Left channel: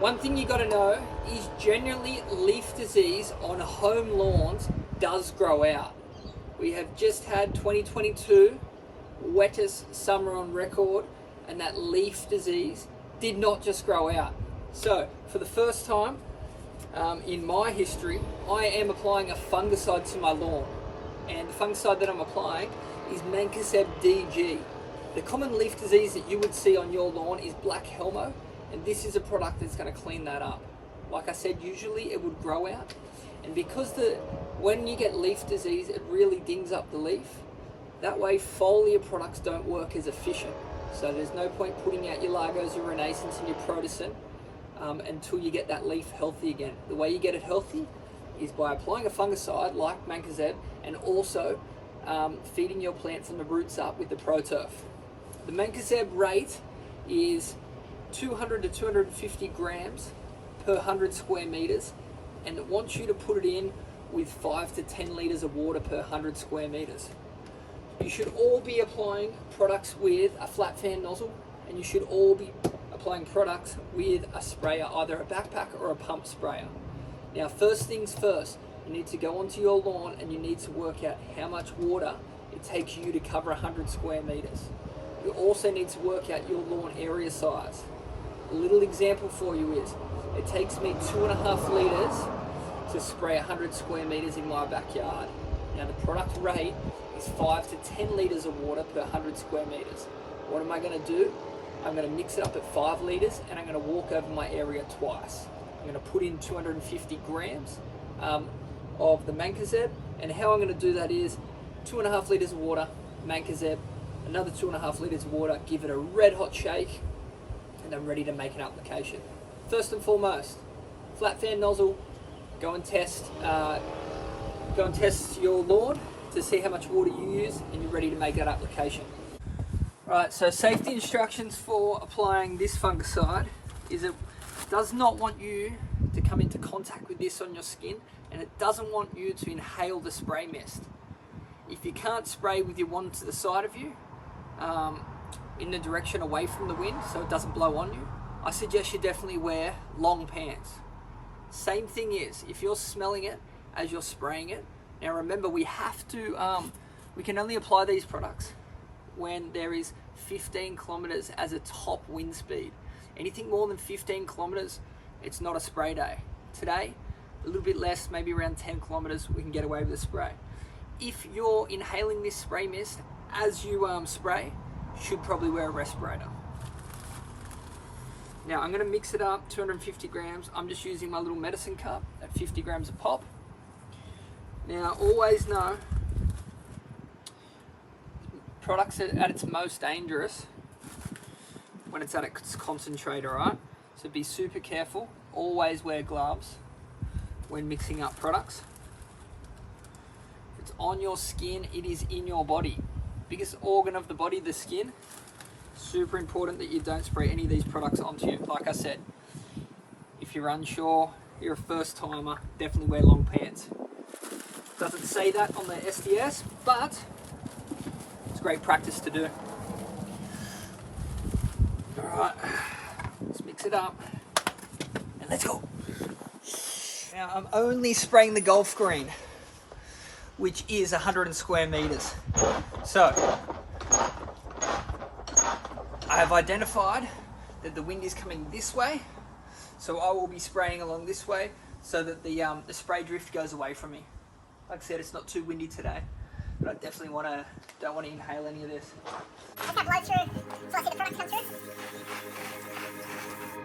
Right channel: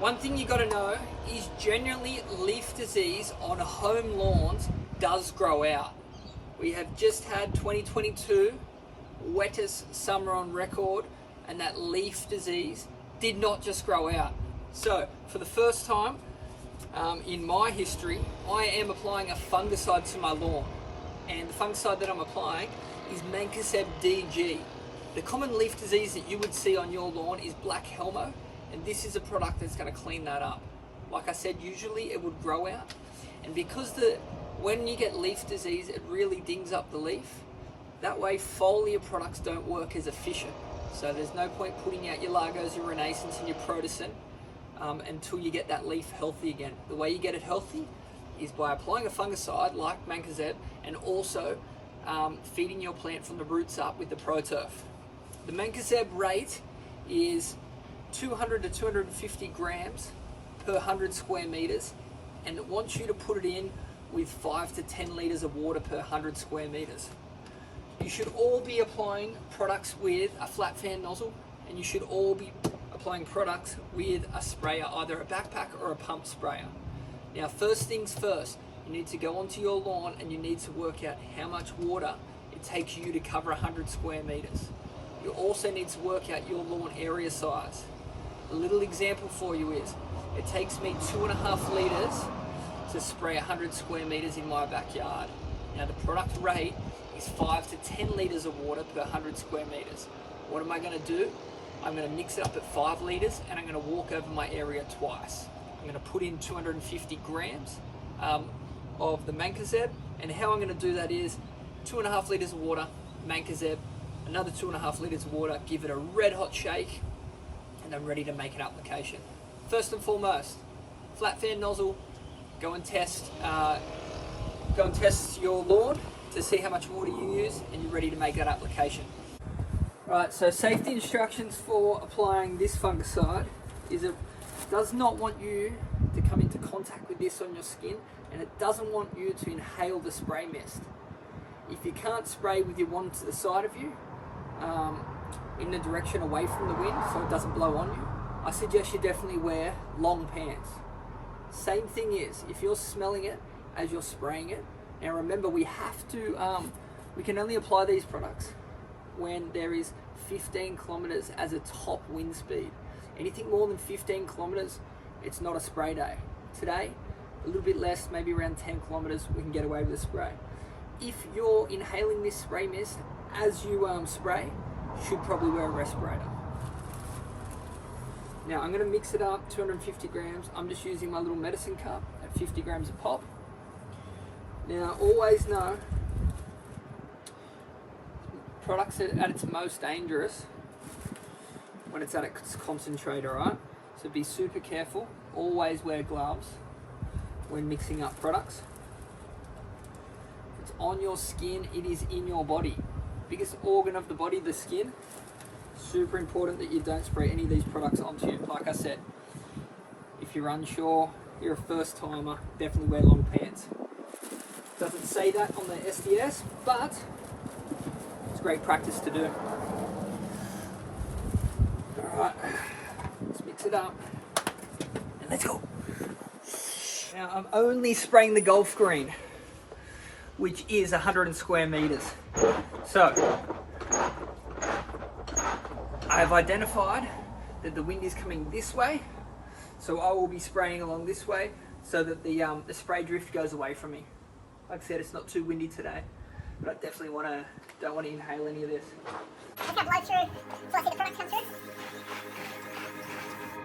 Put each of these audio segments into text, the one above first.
One thing you got to know is generally leaf disease on home lawns does grow out. We have just had 2022, wettest summer on record, and that leaf disease did not just grow out. So for the first time in my history, I am applying a fungicide to my lawn. And the fungicide that I'm applying is Mancozeb DG. The common leaf disease that you would see on your lawn is black helmo, and this is a product that's going to clean that up. Like I said, usually it would grow out, and because when you get leaf disease, it really dings up the leaf. That way foliar products don't work as efficient. So there's no point putting out your Largos, your Renaissance and your Protocin until you get that leaf healthy again. The way you get it healthy is by applying a fungicide like Mancozeb and also feeding your plant from the roots up with the ProTurf. The Mancozeb rate is 200 to 250 grams per 100 square meters, and it wants you to put it in with 5 to 10 liters of water per 100 square meters. You should all be applying products with a flat fan nozzle, and you should all be applying products with a sprayer, either a backpack or a pump sprayer. Now, first things first, you need to go onto your lawn and you need to work out how much water it takes you to cover 100 square meters. You also need to work out your lawn area size. A little example for you is, it takes me 2.5 liters to spray 100 square meters in my backyard. Now the product rate is 5 to 10 liters of water per 100 square meters. What am I going to do? I'm going to mix it up at 5 liters and I'm going to walk over my area twice. I'm going to put in 250 grams of the Mancozeb, and how I'm going to do that is 2.5 liters of water, Mancozeb, another 2.5 liters of water, give it a red hot shake, and I'm ready to make an application. First and foremost, flat fan nozzle, go and test your lawn to see how much water you use, and you're ready to make that application. Right, so safety instructions for applying this fungicide is it does not want you to come into contact with this on your skin, and it doesn't want you to inhale the spray mist. If you can't spray with your wand to the side of you, in the direction away from the wind so it doesn't blow on you, I suggest you definitely wear long pants. Same thing is, if you're smelling it as you're spraying it, now remember we have to, we can only apply these products when there is 15 kilometers as a top wind speed. Anything more than 15 kilometers, it's not a spray day. Today, a little bit less, maybe around 10 kilometers, we can get away with a spray. If you're inhaling this spray mist as you spray, you should probably wear a respirator. Now I'm going to mix it up, 250 grams. I'm just using my little medicine cup at 50 grams a pop. Now always know, products are at its most dangerous when it's at its concentrator, right? So be super careful. Always wear gloves when mixing up products. If it's on your skin, it is in your body. Biggest organ of the body, the skin. Super important that you don't spray any of these products onto you. Like I said, if you're unsure, you're a first timer, definitely wear long pants. Doesn't say that on the SDS, but it's great practice to do. Alright, let's mix it up and let's go. Now I'm only spraying the golf green, which is 100 square meters. So I have identified that the wind is coming this way, so I will be spraying along this way so that the spray drift goes away from me. Like I said, it's not too windy today, but I definitely don't want to inhale any of this. Just got blow through, so I see the products come through.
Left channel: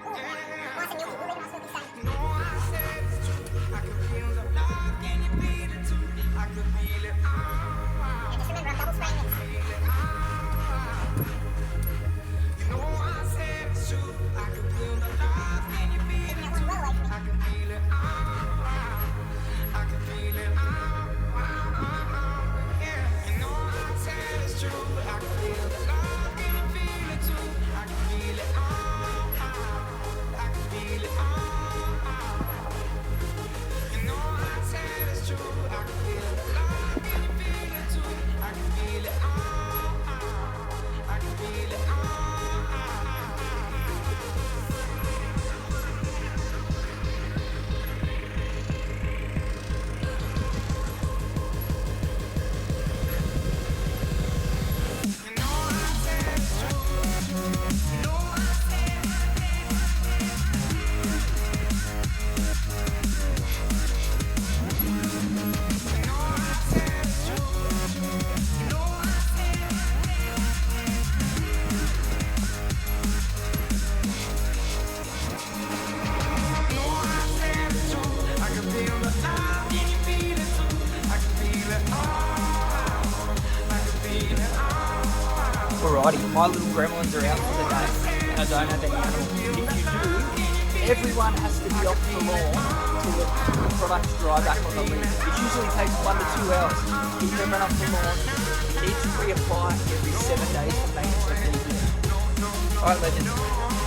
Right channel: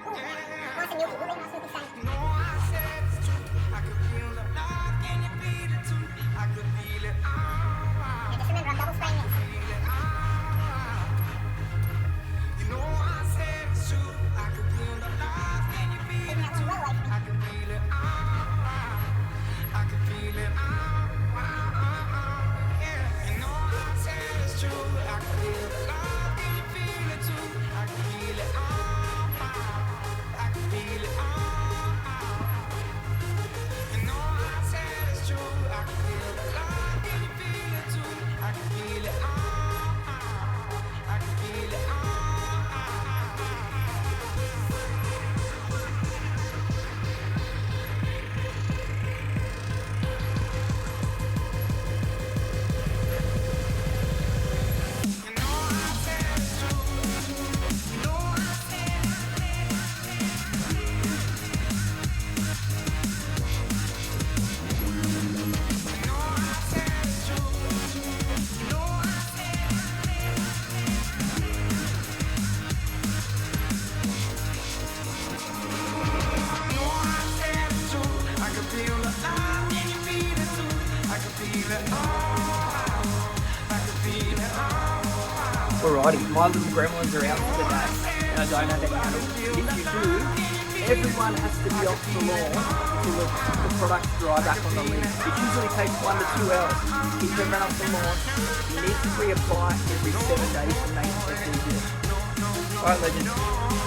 Ooh, nice and milky, really nice milky stain. I said it's true. I could feel the love, can you feel it too? I could feel it all. And just remember, I'm double spraying this. You know I said it's true. I could feel the love, can you feel it too? I could feel it all. I could feel it all. Yeah. You know I said it's true. I could feel the love, can you feel it too? I could feel it all. Alrighty, my little gremlins are out for the day. I don't have any animals. If you do, everyone has to be off the lawn until the products dry back on the leaf. It usually takes 1 to 2 hours. Keep them off the lawn. You need to reapply every 7 days to make it really good. Alright, legends.